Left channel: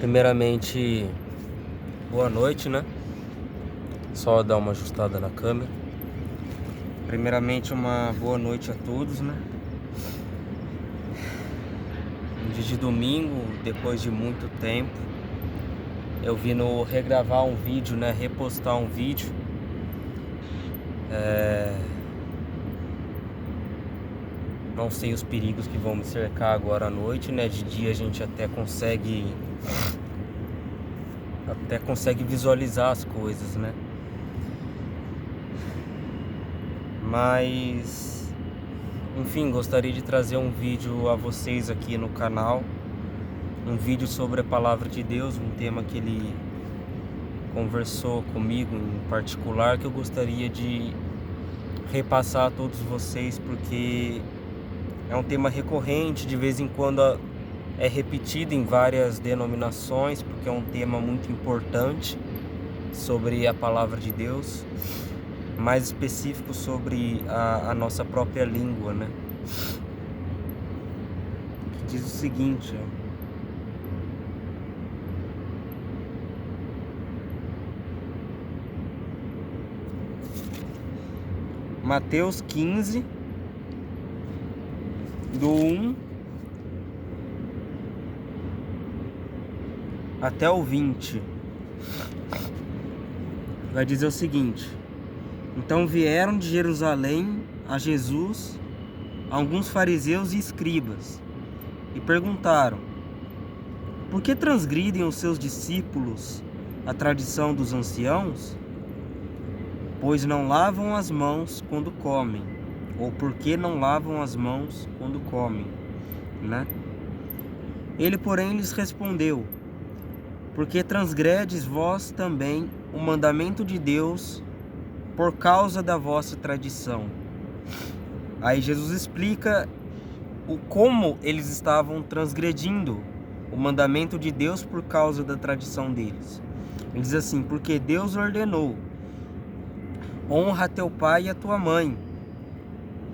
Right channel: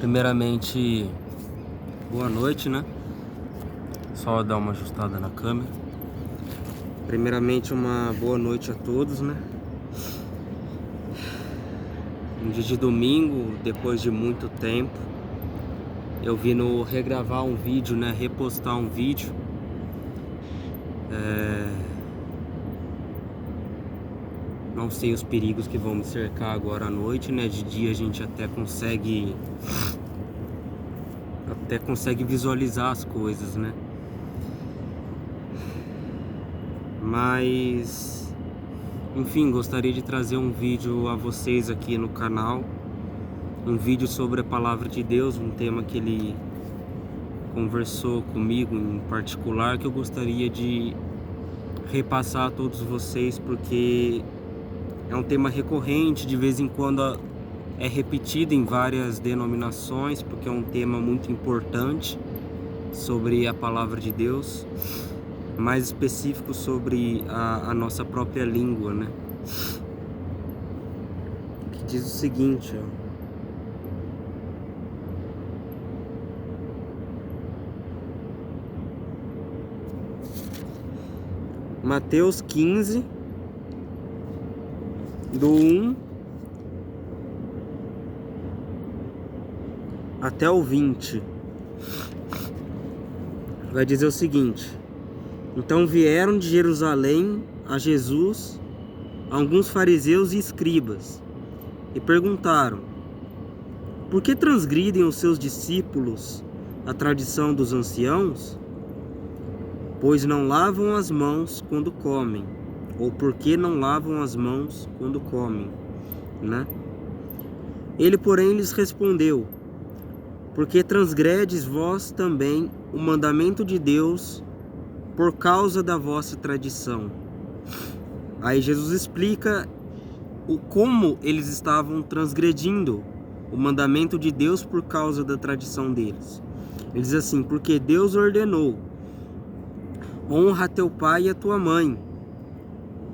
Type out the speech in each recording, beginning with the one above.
Primeiramente, boa noite, né? Só dar uma ajustada na câmera. Primeiramente, uma boa noite a todos, né? No dia de domingo, depois de muito tempo, eu vim regravar um vídeo, né? Repostar um vídeo. Não sei os perigos que vão me cercar agora à noite, né? De dia a gente até consegue visualizar as coisas, né? Mas, enfim, gostaria de trazer um vídeo a vocês aqui no canal. Um vídeo sobre a palavra de Deus, um tema que ele conversou comigo em particular, que eu gostaria de repassar a todos vocês, porque é um tema recorrente, de vez em quando é repetido em várias denominações, porque é um tema muito importante sobre a palavra de Deus, mais específico sobre a nossa própria língua, né? Que diz o seguinte, ó. Mateus 15, do 1 até o 20. Vai dizer o seguinte: então vieram de Jerusalém a Jesus alguns fariseus e escribas e perguntaram: por que transgridem os seus discípulos a tradição dos anciãos? Pois não lavam as mãos quando comem. Ou por que não lavam as mãos quando comem, né? Ele, porém, lhes respondeu: porque transgredes vós também o mandamento de Deus por causa da vossa tradição. Aí Jesus explica como eles estavam transgredindo o mandamento de Deus por causa da tradição deles. Ele diz assim: porque Deus ordenou: honra teu pai e a tua mãe,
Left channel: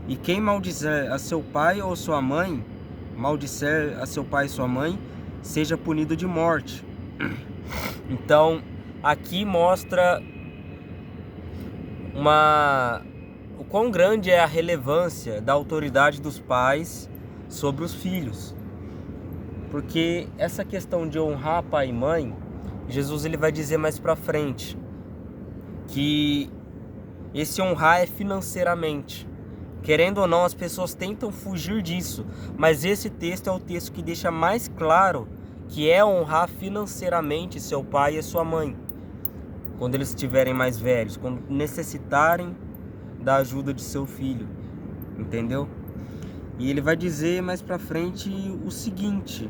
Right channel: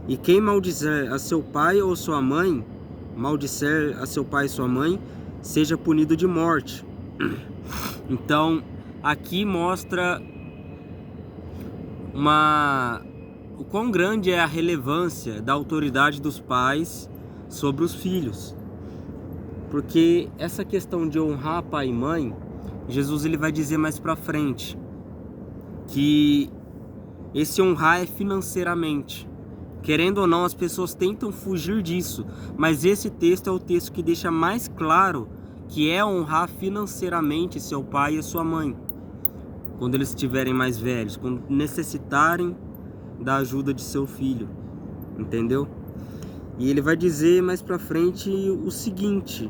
e quem maldizer a seu pai ou sua mãe, maldizer a seu pai e sua mãe, seja punido de morte. Então, aqui mostra o quão grande é a relevância da autoridade dos pais sobre os filhos. Porque essa questão de honrar pai e mãe, Jesus ele vai dizer mais pra frente que esse honrar é financeiramente. Querendo ou não, as pessoas tentam fugir disso, mas esse texto é o texto que deixa mais claro que é honrar financeiramente seu pai e sua mãe, quando eles estiverem mais velhos, quando necessitarem da ajuda de seu filho, entendeu? E ele vai dizer mais pra frente o seguinte,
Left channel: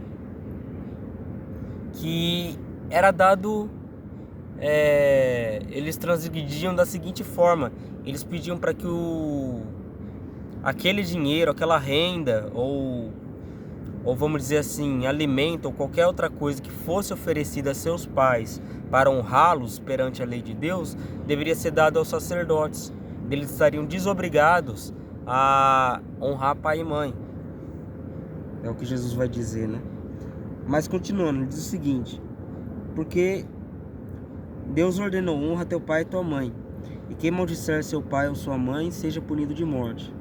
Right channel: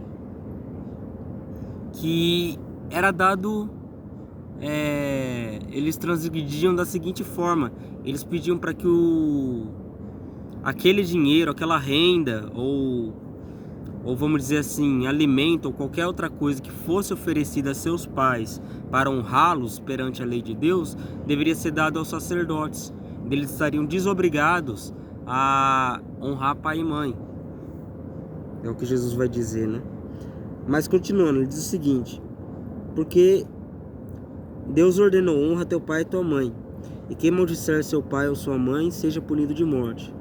que era dado, eles transgrediam da seguinte forma: eles pediam para que aquele dinheiro, aquela renda, ou vamos dizer assim, alimento ou qualquer outra coisa que fosse oferecida a seus pais para honrá-los perante a lei de Deus, deveria ser dado aos sacerdotes. Eles estariam desobrigados a honrar pai e mãe. É o que Jesus vai dizer, né? Mas continuando, ele diz o seguinte: porque Deus ordenou: honra teu pai e tua mãe, e quem maldisser seu pai ou sua mãe, seja punido de morte.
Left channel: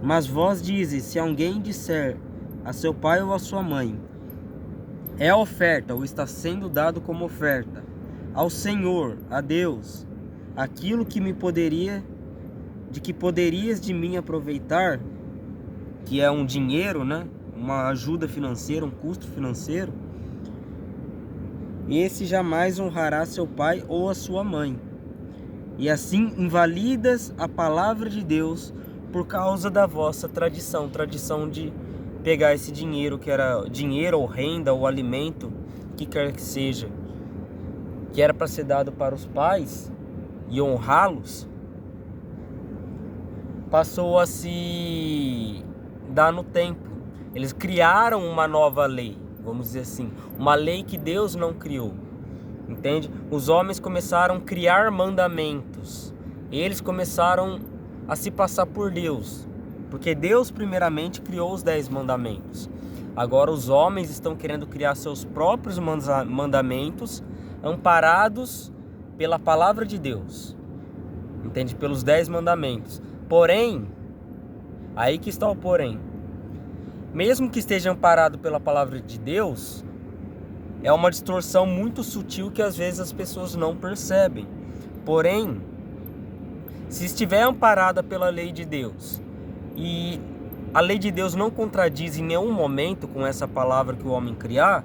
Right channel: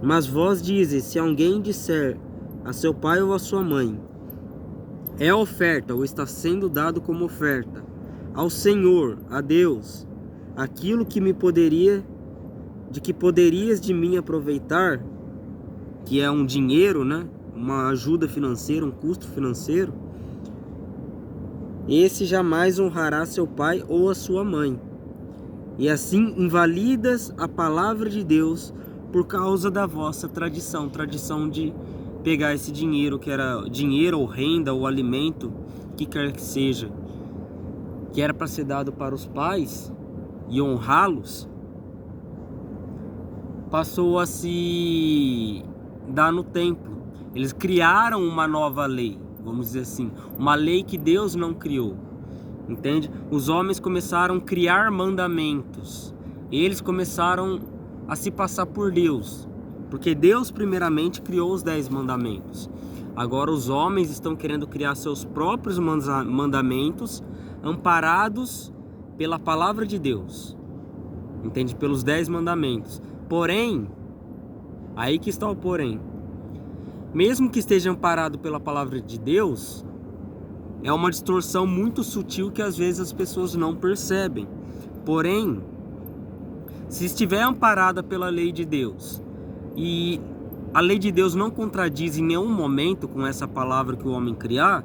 Mas vós dizes: se alguém disser a seu pai ou a sua mãe, é oferta ou está sendo dado como oferta ao Senhor, a Deus, aquilo que poderias de mim aproveitar, que é um dinheiro, né? Uma ajuda financeira, um custo financeiro, esse jamais honrará seu pai ou a sua mãe. E assim invalidas a palavra de Deus por causa da vossa tradição de pegar esse dinheiro, que era dinheiro ou renda ou alimento, que quer que seja, que era para ser dado para os pais e honrá-los, passou a se dar no tempo. Eles criaram uma nova lei, vamos dizer assim, uma lei que Deus não criou, entende? Os homens começaram a criar mandamentos, eles começaram a se passar por Deus, porque Deus primeiramente criou os 10 mandamentos. Agora os homens estão querendo criar seus próprios mandamentos, amparados pela palavra de Deus, entende? Pelos 10 mandamentos. Porém, aí que está o porém. Mesmo que esteja amparado pela palavra de Deus, é uma distorção muito sutil que às vezes as pessoas não percebem. Porém, se estiver amparada pela lei de Deus, e a lei de Deus não contradiz em nenhum momento com essa palavra que o homem criar,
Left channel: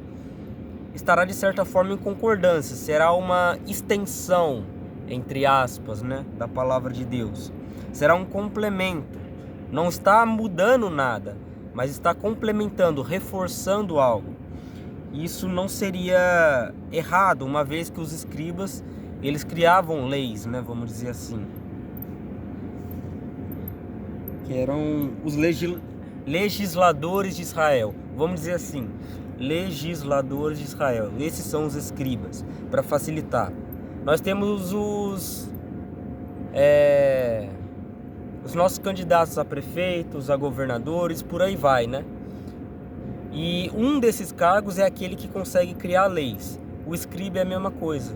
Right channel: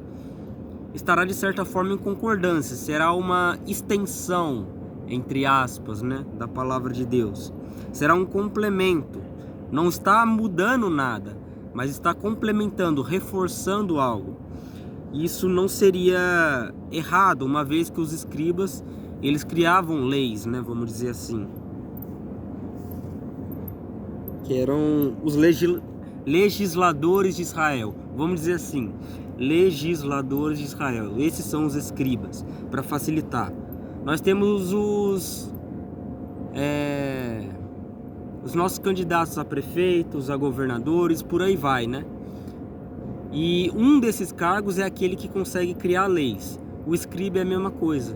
estará de certa forma em concordância, será uma extensão, entre aspas, né, da palavra de Deus. Será um complemento, não está mudando nada, mas está complementando, reforçando algo. Isso não seria errado, uma vez que os escribas, eles criavam leis, né, vamos dizer assim, que eram os legisladores de Israel, vamos dizer assim, legisladores de Israel. Esses são os escribas, para facilitar. Nós temos os nossos candidatos a prefeitos, a governadores, por aí vai, né? E um desses cargos é aquele que consegue criar leis. O escriba é a mesma coisa.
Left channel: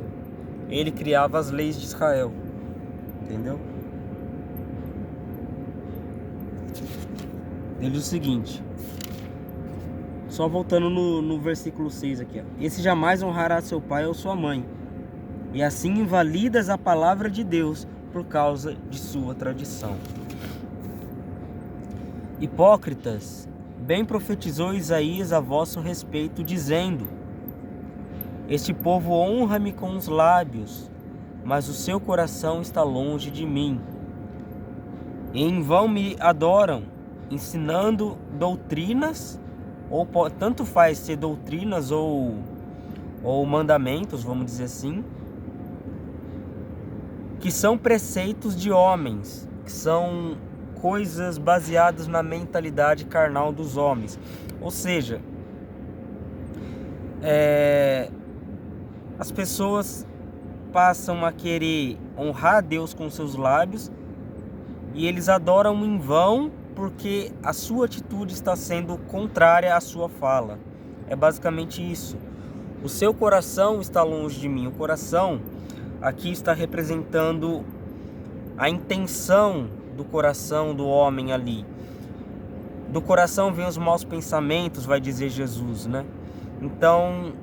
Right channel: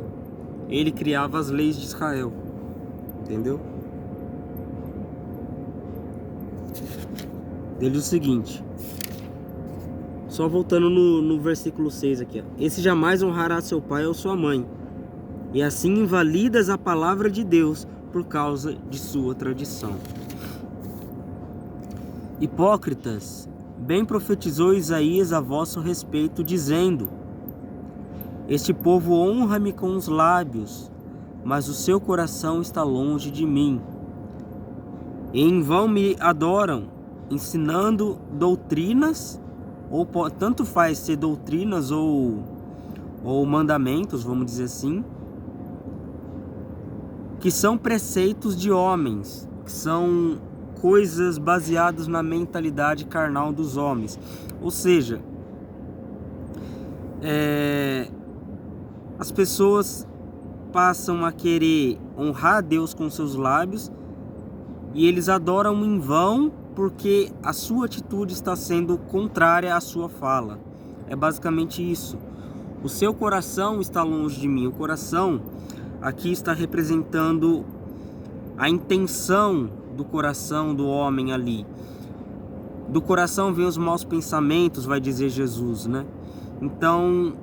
Ele criava as leis de Israel, entendeu? Ele diz o seguinte, só voltando no versículo 6 aqui, ó. Esse jamais honrará seu pai ou sua mãe, e assim invalidas a palavra de Deus por causa de sua tradição. Hipócritas, bem profetizou Isaías a vosso respeito, dizendo: este povo honra-me com os lábios, mas o seu coração está longe de mim. E em vão me adoram, ensinando doutrinas, ou tanto faz ser doutrinas ou mandamentos, vamos dizer assim, que são preceitos de homens, que são coisas baseadas na mentalidade carnal dos homens. Ou seja, as pessoas passam a querer honrar a Deus com seus lábios e eles adoram em vão porque a sua atitude está sendo contrária à sua fala. É basicamente isso. O seu coração está longe de mim. O coração aqui está representando a intenção do coração do homem ali. Do coração vem os maus pensamentos, vai dizer Jesus, né? Então,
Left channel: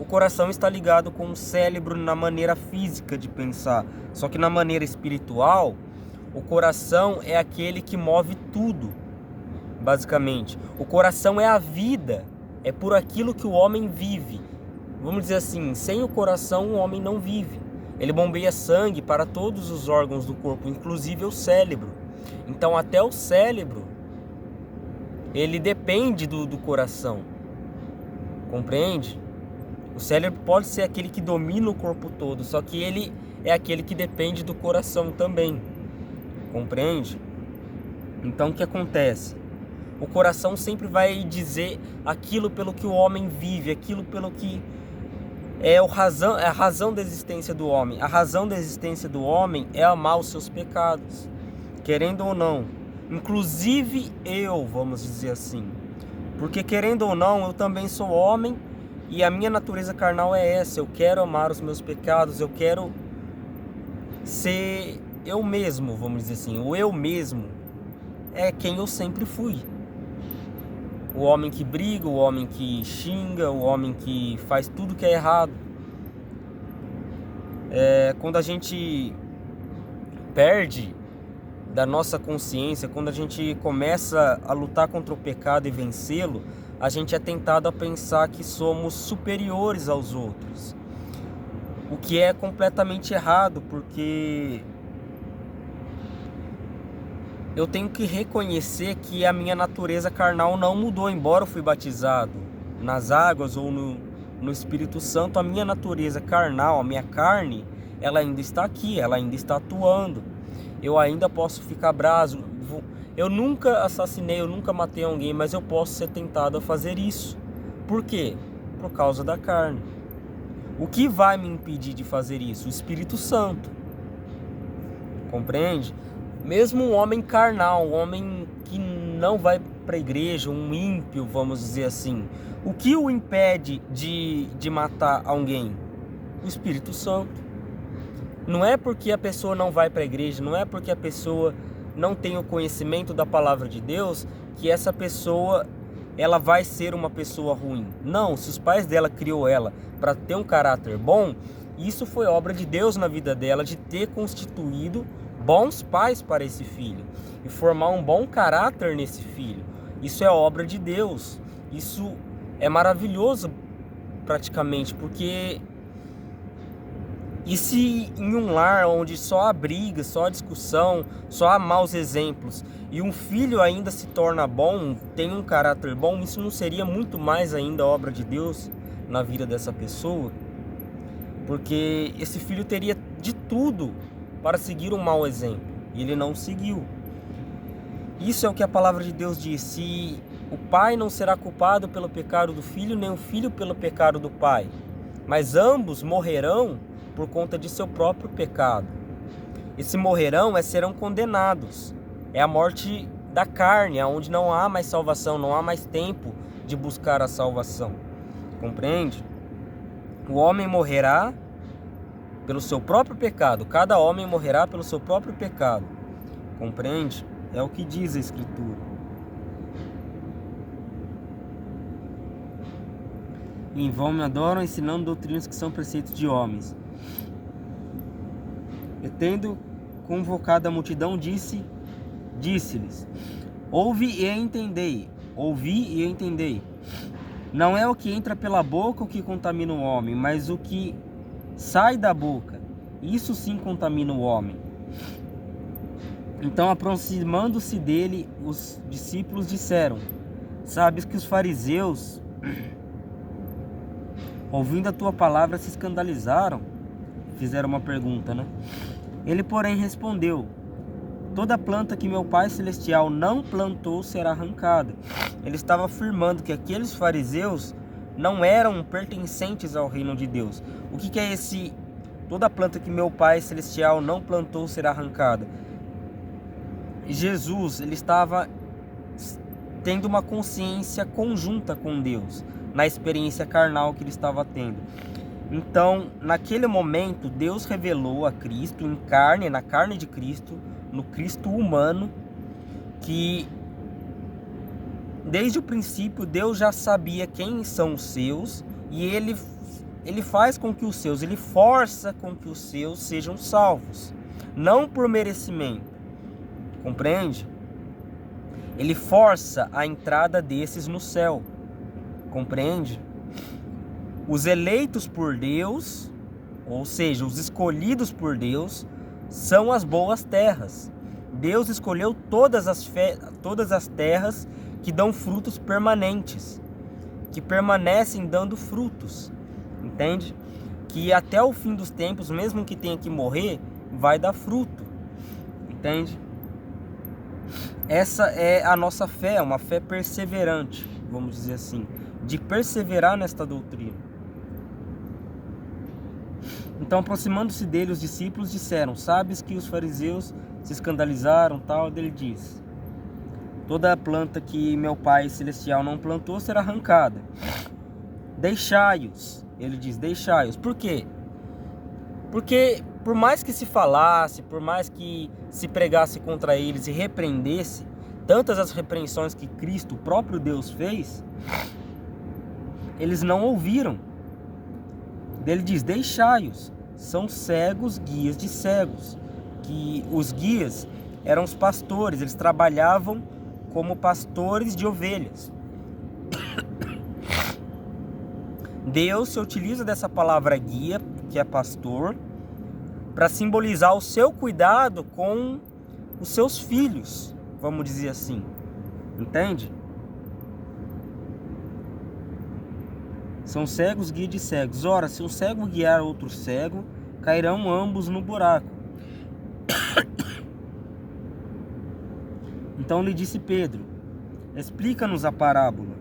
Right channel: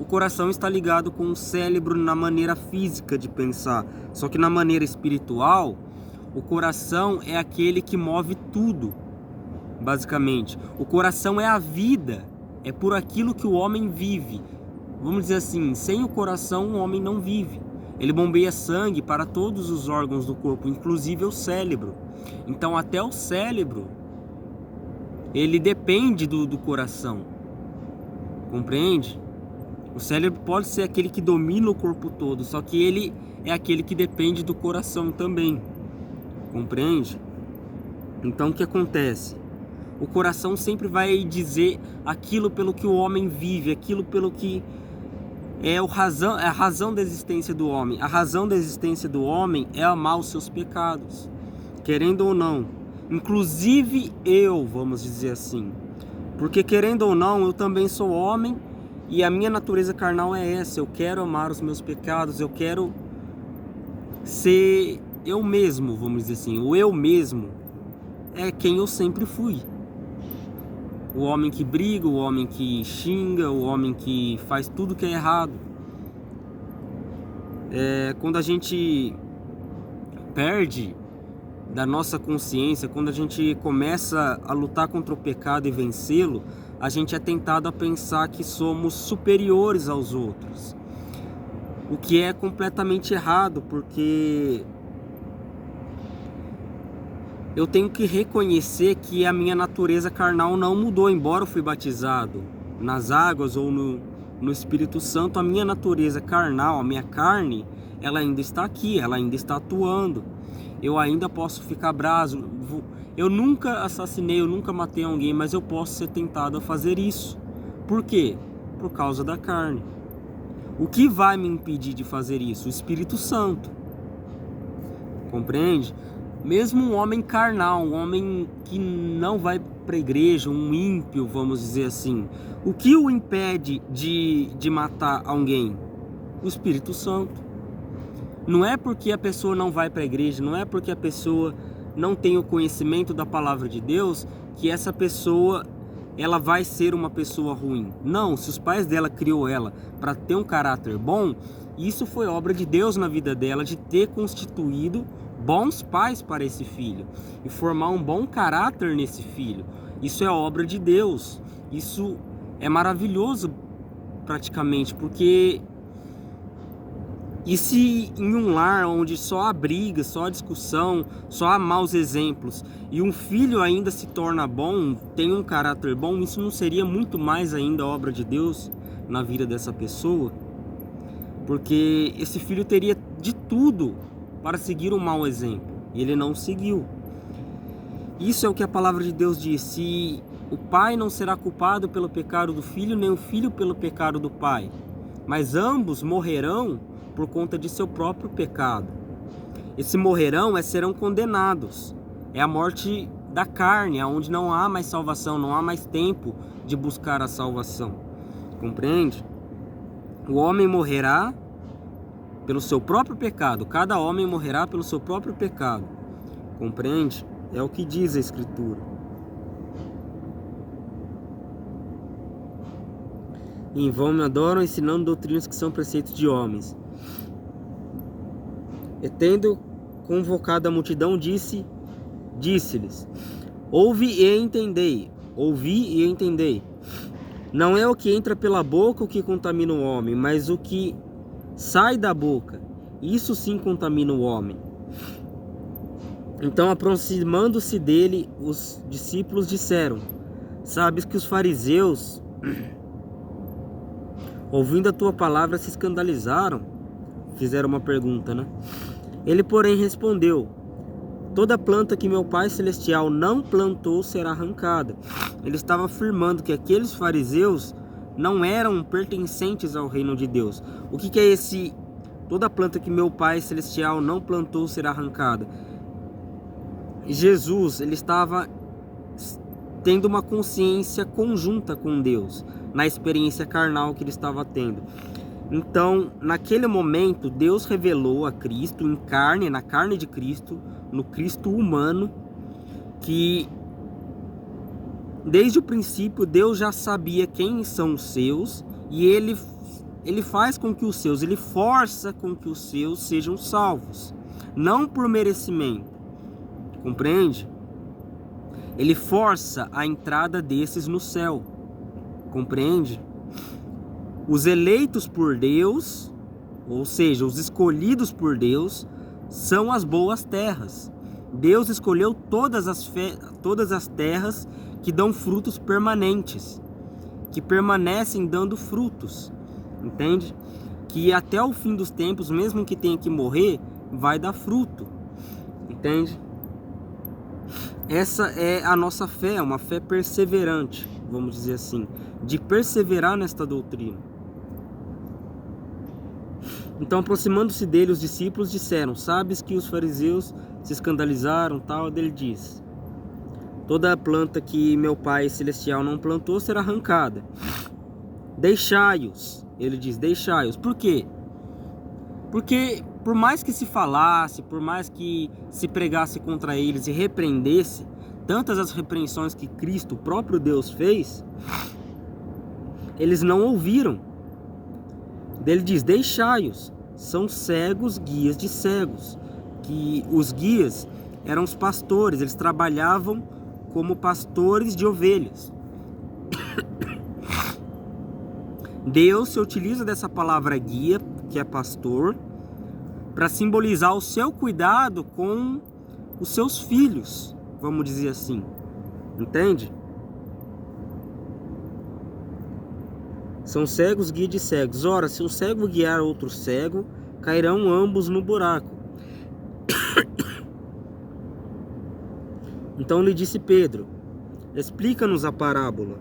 o coração está ligado com o cérebro na maneira física de pensar. Só que na maneira espiritual, o coração é aquele que move tudo, basicamente. O coração é a vida, é por aquilo que o homem vive. Vamos dizer assim, sem o coração o homem não vive. Ele bombeia sangue para todos os órgãos do corpo, inclusive o cérebro. Então até o cérebro, ele depende do coração. Compreende? O cérebro pode ser aquele que domina o corpo todo, só que ele é aquele que depende do coração também. Compreende? Então o que acontece? O coração sempre vai dizer aquilo pelo que o homem vive, aquilo pelo que é a razão da existência do homem. A razão da existência do homem é amar os seus pecados, querendo ou não. Inclusive eu, vamos dizer assim. Porque querendo ou não, eu também sou homem e a minha natureza carnal é essa. Eu quero amar os meus pecados, eu quero ser eu mesmo, vamos dizer assim. O eu mesmo é quem eu sempre fui. O homem que briga, o homem que xinga, o homem que faz tudo que é errado. Quando a gente perde da nossa consciência, quando a gente começa a lutar contra o pecado e vencê-lo, a gente é tentado a pensar que somos superiores aos outros. O que é completamente errado, porque eu tenho que reconhecer que a minha natureza carnal não mudou, embora eu fui batizado nas águas ou no Espírito Santo. A minha natureza carnal, a minha carne, ela ainda está aqui, ela ainda está atuando. Eu ainda posso ficar bravo. Eu nunca assassinei, eu nunca matei alguém, mas eu posso ser tentado a fazer isso. Por quê? Por causa da carne. O que vai me impedir de fazer isso? O Espírito Santo. Compreende? Mesmo um homem carnal, um homem que não vai para a igreja, um ímpio, vamos dizer assim, o que o impede de matar alguém? O Espírito Santo. Não é porque a pessoa não vai para a igreja, não é porque a pessoa não tem o conhecimento da palavra de Deus, que essa pessoa ela vai ser uma pessoa ruim. Não, se os pais dela criou ela para ter um caráter bom, isso foi obra de Deus na vida dela, de ter constituído bons pais para esse filho e formar um bom caráter nesse filho. Isso é obra de Deus. Isso é maravilhoso praticamente, porque e se em um lar onde só há briga, só há discussão, só há maus exemplos, e um filho ainda se torna bom, tem um caráter bom, isso não seria muito mais ainda obra de Deus na vida dessa pessoa? Porque esse filho teria de tudo para seguir um mau exemplo, e ele não seguiu. Isso é o que a palavra de Deus diz: se o pai não será culpado pelo pecado do filho, nem o filho pelo pecado do pai, mas ambos morrerão por conta de seu próprio pecado. Esse morrerão serão condenados. É a morte da carne, onde não há mais salvação, não há mais tempo de buscar a salvação. Compreende? O homem morrerá pelo seu próprio pecado. Cada homem morrerá pelo seu próprio pecado. Compreende? É o que diz a Escritura. Em vão me adoram, ensinando doutrinas que são preceitos de homens. E tendo convocado a multidão, disse-lhes: ouvi e entendei. Não é o que entra pela boca o que contamina o homem, mas o que sai da boca, isso sim contamina o homem. Então, aproximando-se dele, os discípulos disseram: sabes que os fariseus, ouvindo a tua palavra, se escandalizaram? Fizeram uma pergunta, né? Ele, porém, respondeu: toda planta que meu Pai Celestial não plantou será arrancada. Ele estava afirmando que aqueles fariseus não eram pertencentes ao reino de Deus. O que é esse toda planta que meu Pai Celestial não plantou será arrancada? Jesus, ele estava tendo uma consciência conjunta com Deus, na experiência carnal que ele estava tendo. Então, naquele momento, Deus revelou a Cristo em carne, na carne de Cristo, no Cristo humano, que desde o princípio Deus já sabia quem são os seus, e ele faz com que os seus, ele força com que os seus sejam salvos, não por merecimento, compreende? Ele força a entrada desses no céu, compreende? Os eleitos por Deus, ou seja, os escolhidos por Deus, são as boas terras. Deus escolheu todas as terras que dão frutos permanentes, que permanecem dando frutos, entende? Que até o fim dos tempos, mesmo que tenha que morrer, vai dar fruto, entende? Essa é a nossa fé, uma fé perseverante, vamos dizer assim, de perseverar nesta doutrina. Então, aproximando-se dele, os discípulos disseram: sabes que os fariseus se escandalizaram, tal. Ele diz: toda a planta que meu Pai Celestial não plantou será arrancada. Deixai-os. Ele diz: deixai-os. Por quê? Porque por mais que se falasse, por mais que se pregasse contra eles e repreendesse, tantas as repreensões que Cristo, o próprio Deus, fez, eles não ouviram. Ele diz: deixai-os, são cegos, guias de cegos. Que os guias eram os pastores, eles trabalhavam como pastores de ovelhas. Deus se utiliza dessa palavra guia, que é pastor, para simbolizar o seu cuidado com os seus filhos, vamos dizer assim, entende? São cegos, guia de cegos. Ora, se um cego guiar outro cego, cairão ambos no buraco. Então lhe disse Pedro: explica-nos a parábola.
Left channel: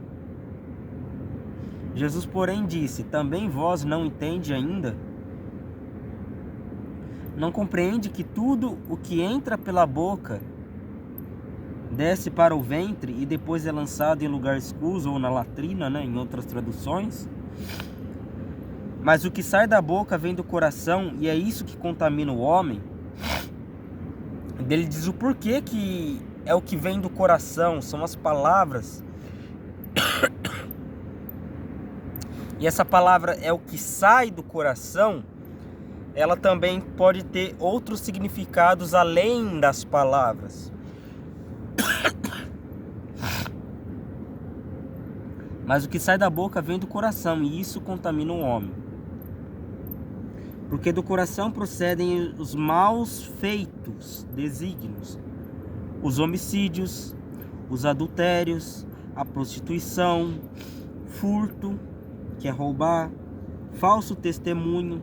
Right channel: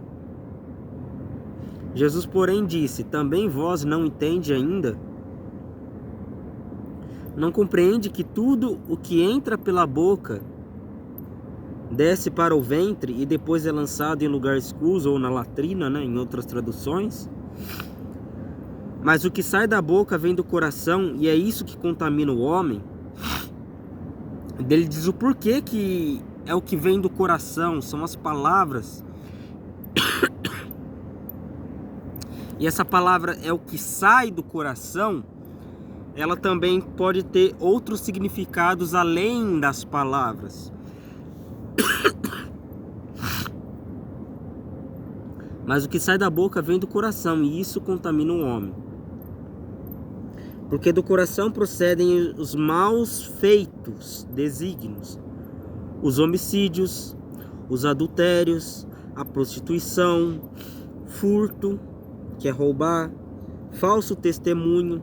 Jesus, porém, disse: também vós não entende ainda? Não compreende que tudo o que entra pela boca desce para o ventre e depois é lançado em lugar escuso ou na latrina, né, em outras traduções. Mas o que sai da boca vem do coração, e é isso que contamina o homem. Ele diz o porquê que é o que vem do coração, são as palavras. E essa palavra é o que sai do coração. Ela também pode ter outros significados além das palavras. Mas o que sai da boca vem do coração, e isso contamina o homem. Porque do coração procedem os maus feitos, desígnios, os homicídios, os adultérios, a prostituição, furto, que é roubar, falso testemunho,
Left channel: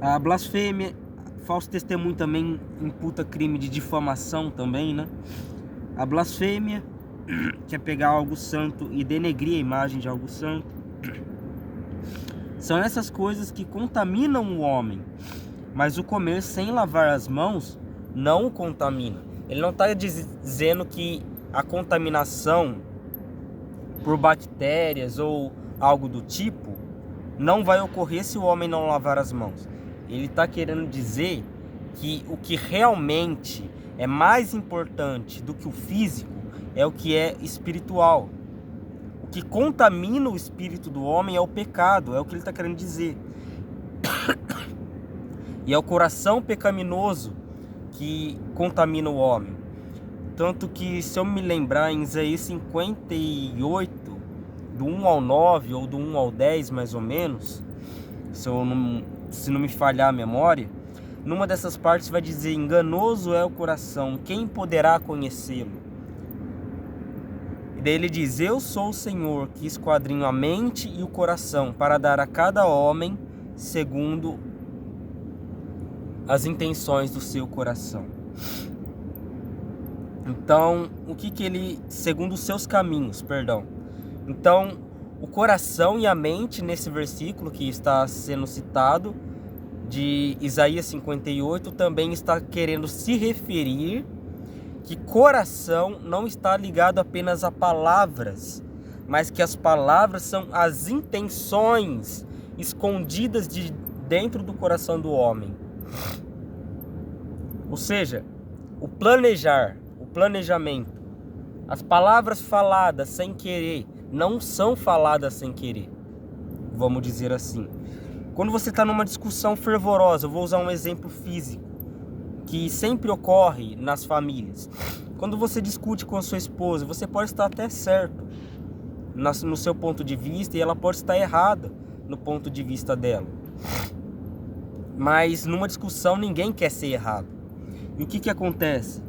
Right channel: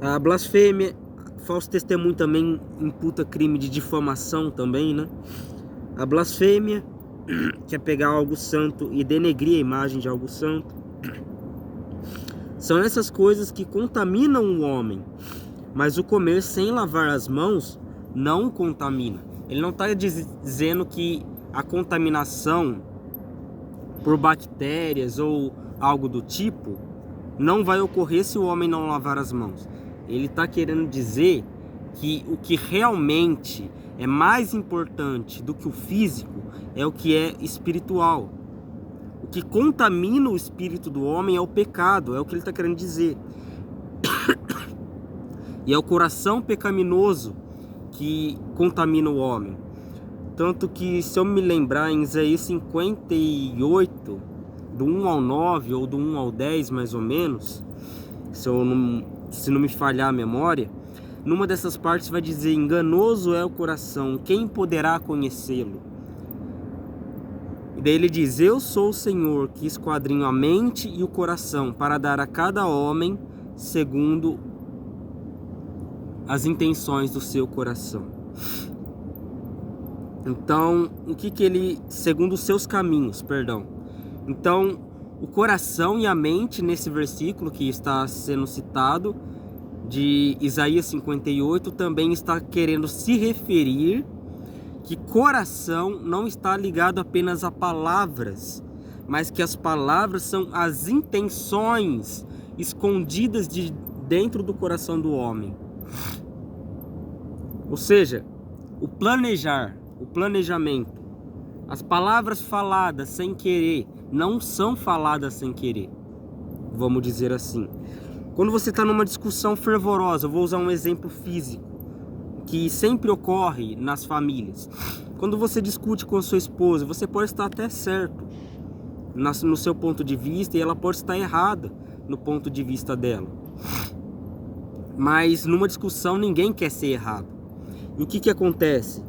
a blasfêmia. Falso testemunho também imputa crime de difamação também, né? A blasfêmia, que é pegar algo santo e denegrir a imagem de algo santo. São essas coisas que contaminam o homem. Mas o comer sem lavar as mãos não o contamina. Ele não está dizendo que a contaminação por bactérias ou algo do tipo não vai ocorrer se o homem não lavar as mãos. Ele está querendo dizer que o que realmente é mais importante do que o físico é o que é espiritual. O que contamina o espírito do homem é o pecado, é o que ele está querendo dizer. E é o coração pecaminoso que contamina o homem. Tanto que, se eu me lembrar, em Isaías 58, do 1 ao 9, ou do 1 ao 10 mais ou menos, se não me falhar a memória, numa dessas partes vai dizer: enganoso é o coração, quem poderá conhecê-lo? E daí ele diz: eu sou o Senhor que esquadrinho a mente e o coração, para dar a cada homem segundo as intenções do seu coração. Então, o que ele, segundo os seus caminhos, perdão. Então, o coração e a mente, nesse versículo que está sendo citado, de Isaías 58, também está querendo se referir que coração não está ligado apenas a palavras, mas que as palavras são as intenções escondidas de dentro do coração do homem. Ou seja, o planejamento, as palavras faladas sem querer não são faladas sem querer, vamos dizer assim. Quando você está numa discussão fervorosa, eu vou usar um exemplo físico que sempre ocorre nas famílias. Quando você discute com a sua esposa, você pode estar até certo no seu ponto de vista e ela pode estar errada no ponto de vista dela. Mas numa discussão ninguém quer ser errado. E o que acontece?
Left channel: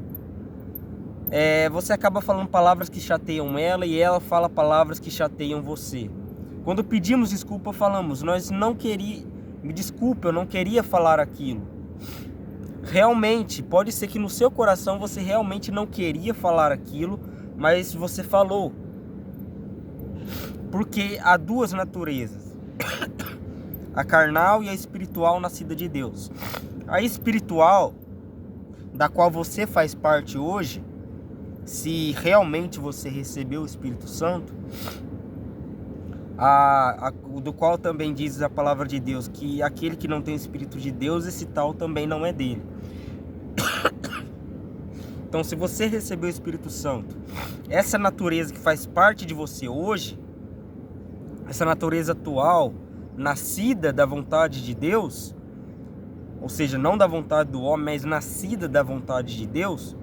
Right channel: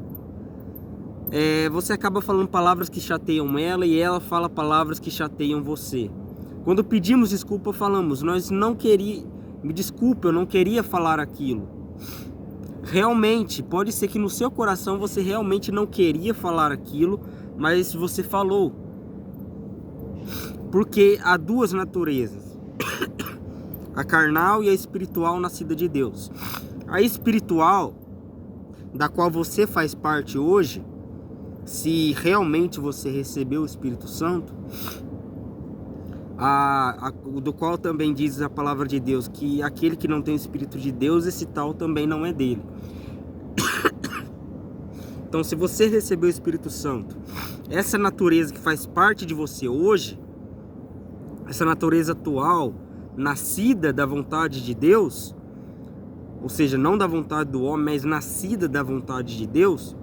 Você acaba falando palavras que chateiam ela e ela fala palavras que chateiam você. Quando pedimos desculpa, falamos: me desculpe, eu não queria falar aquilo. Realmente, pode ser que no seu coração você realmente não queria falar aquilo, mas você falou. Porque há duas naturezas: a carnal e a espiritual, nascida de Deus. A espiritual, da qual você faz parte hoje, se realmente você recebeu o Espírito Santo, do qual também diz a palavra de Deus que aquele que não tem o Espírito de Deus, esse tal também não é dele. Então, se você recebeu o Espírito Santo, essa natureza que faz parte de você hoje, essa natureza atual, nascida da vontade de Deus, ou seja, não da vontade do homem, mas nascida da vontade de Deus,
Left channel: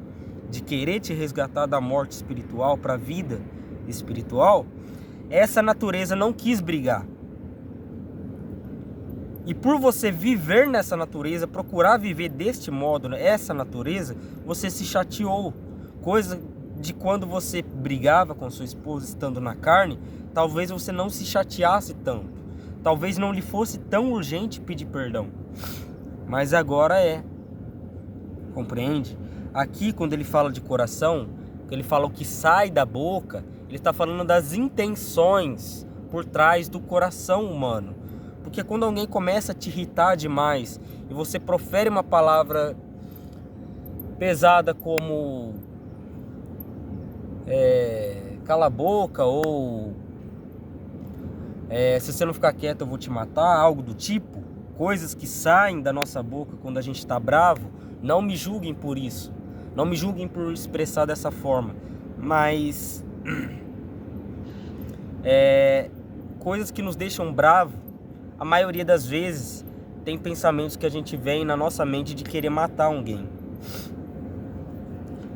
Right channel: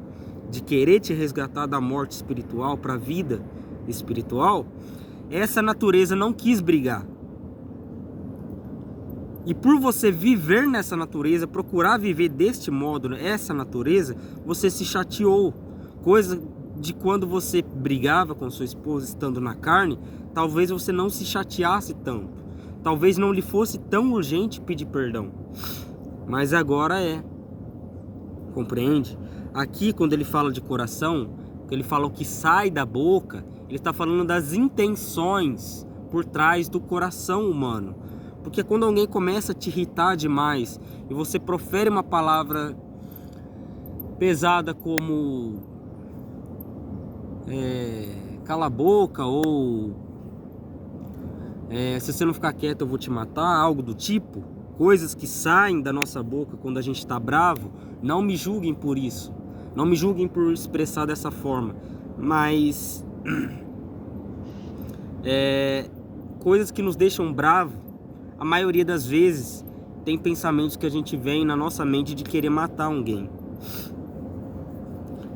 de querer te resgatar da morte espiritual para a vida espiritual, essa natureza não quis brigar. E por você viver nessa natureza, procurar viver deste modo, essa natureza, você se chateou. Coisa de quando você brigava com sua esposa estando na carne, talvez você não se chateasse tanto. Talvez não lhe fosse tão urgente pedir perdão. Mas agora é. Compreende? Aqui, quando ele fala de coração, ele fala o que sai da boca, ele está falando das intenções por trás do coração humano. Porque quando alguém começa a te irritar demais e você profere uma palavra pesada como cala a boca, ou se você não ficar quieto eu vou te matar, algo do tipo. Coisas que saem da nossa boca quando a gente está bravo. Não me julguem por isso, não me julguem por expressar dessa forma, mas coisas que nos deixam bravos, a maioria das vezes tem pensamentos que a gente vem na nossa mente de querer matar alguém.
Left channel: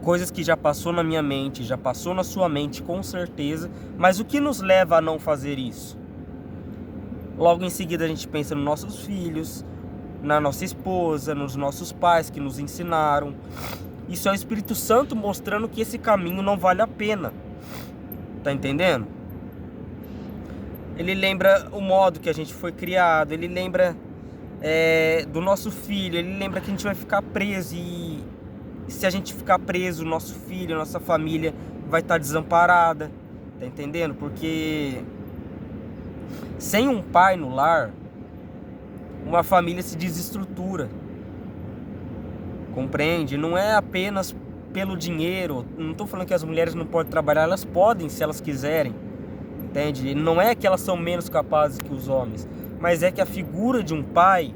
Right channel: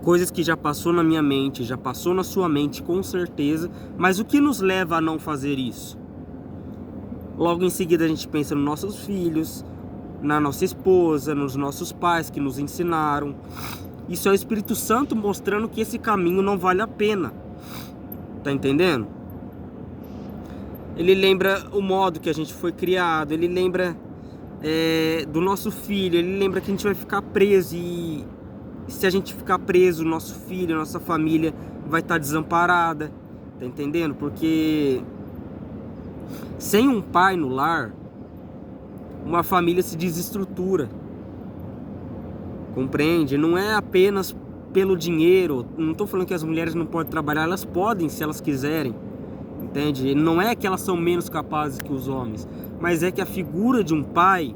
Coisas que já passou na minha mente, já passou na sua mente com certeza, mas o que nos leva a não fazer isso? Logo em seguida a gente pensa nos nossos filhos, na nossa esposa, nos nossos pais que nos ensinaram. Isso é o Espírito Santo mostrando que esse caminho não vale a pena. Tá entendendo? Ele lembra o modo que a gente foi criado, ele lembra do nosso filho, ele lembra que a gente vai ficar preso, e se a gente ficar preso, nosso filho, nossa família vai estar desamparada. Tá entendendo? Porque sem um pai no lar, uma família se desestrutura. Compreende? Não é apenas pelo dinheiro. Não estou falando que as mulheres não podem trabalhar, elas podem se elas quiserem. Entende? Não é que elas são menos capazes que os homens, mas é que a figura de um pai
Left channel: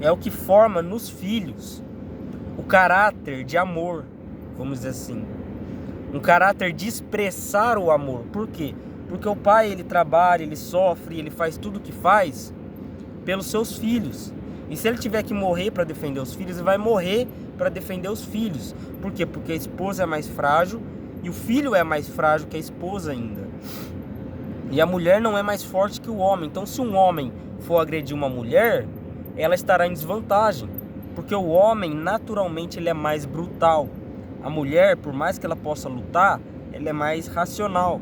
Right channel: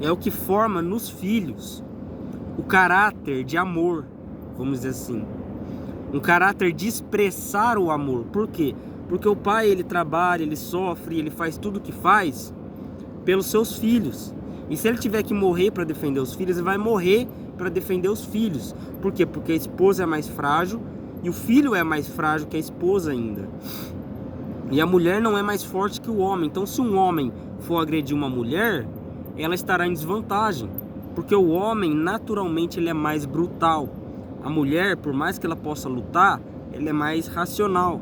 é o que forma nos filhos o caráter de amor, vamos dizer assim. Um caráter de expressar o amor. Por quê? Porque o pai, ele trabalha, ele sofre, ele faz tudo o que faz pelos seus filhos. E se ele tiver que morrer para defender os filhos, ele vai morrer para defender os filhos. Por quê? Porque a esposa é mais frágil e o filho é mais frágil que a esposa ainda. E a mulher não é mais forte que o homem. Então, se um homem for agredir uma mulher, ela estará em desvantagem. Porque o homem, naturalmente, ele é mais brutal. A mulher, por mais que ela possa lutar, ela é mais racional.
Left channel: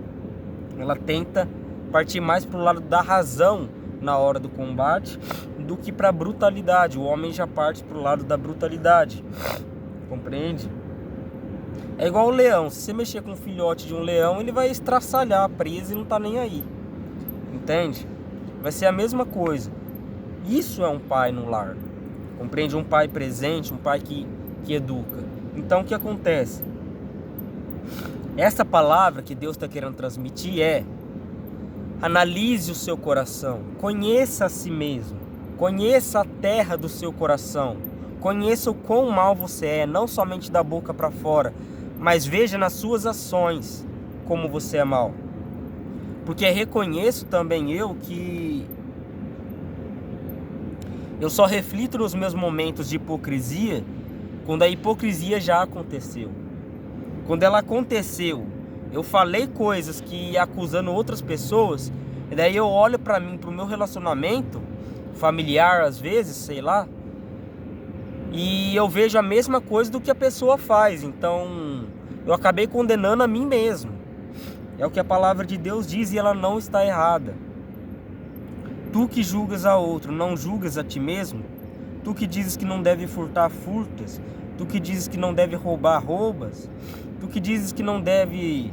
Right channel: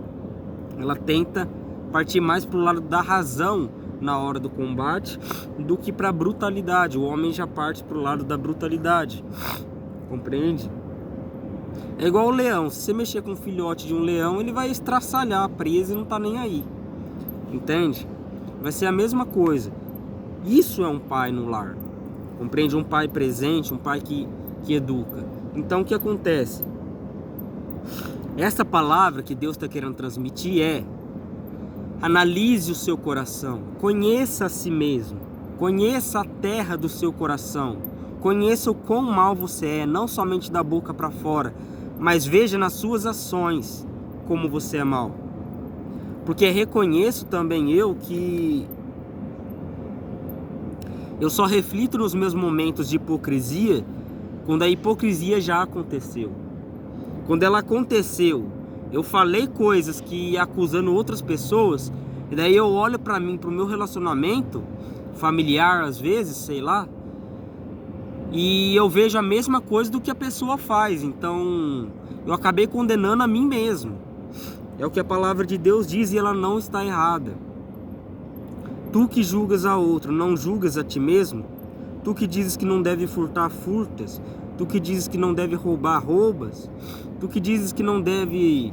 Ela tenta partir mais para o lado da razão na hora do combate do que para a brutalidade. O homem já parte para o lado da brutalidade. Compreende? É igual o leão. Se você mexer com um filhote de um leão, ele vai estraçalhar preso e não tá nem aí. Entende? Vai ser a mesma coisa. Isso é um pai no lar. Compreende? Um pai presente, um pai que educa. Então o que acontece? Essa palavra que Deus está querendo transmitir é: analise o seu coração, conheça a si mesmo, conheça a terra do seu coração, conheça o quão mal você é, não somente da boca para fora, mas veja nas suas ações como você é mal. Porque reconheço também eu que eu só reflito nos meus momentos de hipocrisia quando a hipocrisia já aconteceu. Quando ela aconteceu, eu falei coisas que acusando outras pessoas, e daí eu olho para mim, para o meu relacionamento familiar, às vezes, sei lá, e eu vejo a mesma coisa do que a pessoa faz. Então eu acabei condenando a mim mesmo. É o que a palavra de Deus diz, e ela não está errada. Tu que julgas a outro, não julgas a ti mesmo? Tu que dizes que não deve furtar, furtas? Tu que dizes que não deve roubar, roubas? Tu que dizes que não deve